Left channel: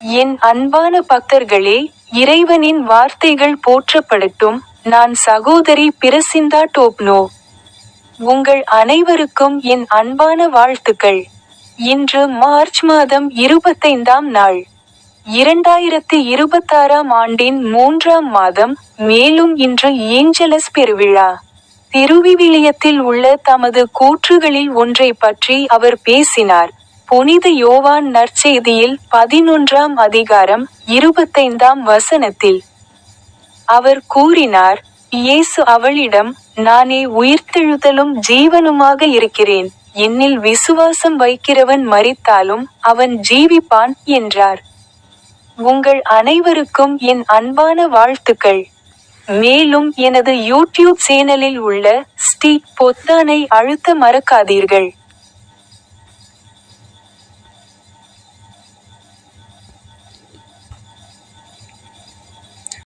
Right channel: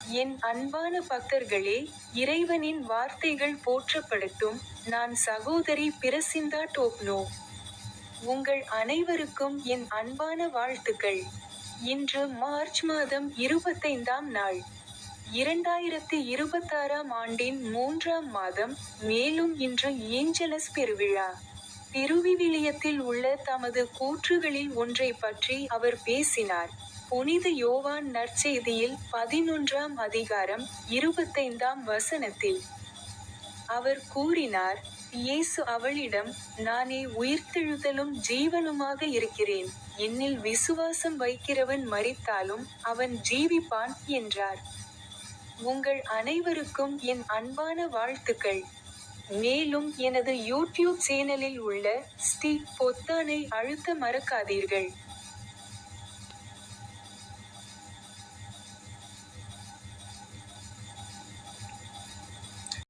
என் அன்பான பக்தர்களே, இறைவனின் வார்த்தைகள் போற்றப்படட்டும். நான் சகோதரி பிரசிந்தா டோப்னோ. உங்கள் அனைவருக்கும் என் அன்பான வாழ்த்துக்கள். இன்று மார்ச் மாதம் 25ஆம் நாள். 2026ஆம் ஆண்டின் 3ஆம் மாதம், மேலும் இன்று ஏஞ்சலஸ் பெருவிழா. திருவிவிலியத்தில் உள்ள தமது கூற்றுகளில் ஒன்றைப் பற்றி அவர் பேசினார். புனித யோவான் நற்செய்தியில் 11ஆம் அதிகாரம், 25ஆம் வசனத்தில். அவர் கூறினார், இயேசு அவளிடம், நானே உயிர்த்தெழுதலும் ஜீவனுமாக இருக்கிறேன். என்னில் விசுவாசம் வைக்கிறவன் மரித்தாலும் அவன் ஜீவிப்பான் என்றார். உங்கள் அனைவருக்கும் என் அன்பான வாழ்த்துக்கள். மேலும் எனது யூடியூப் சேனலில் உள்ள ஸ்டிக் பொத்தானை அழுத்த மறக்காதீர்கள்.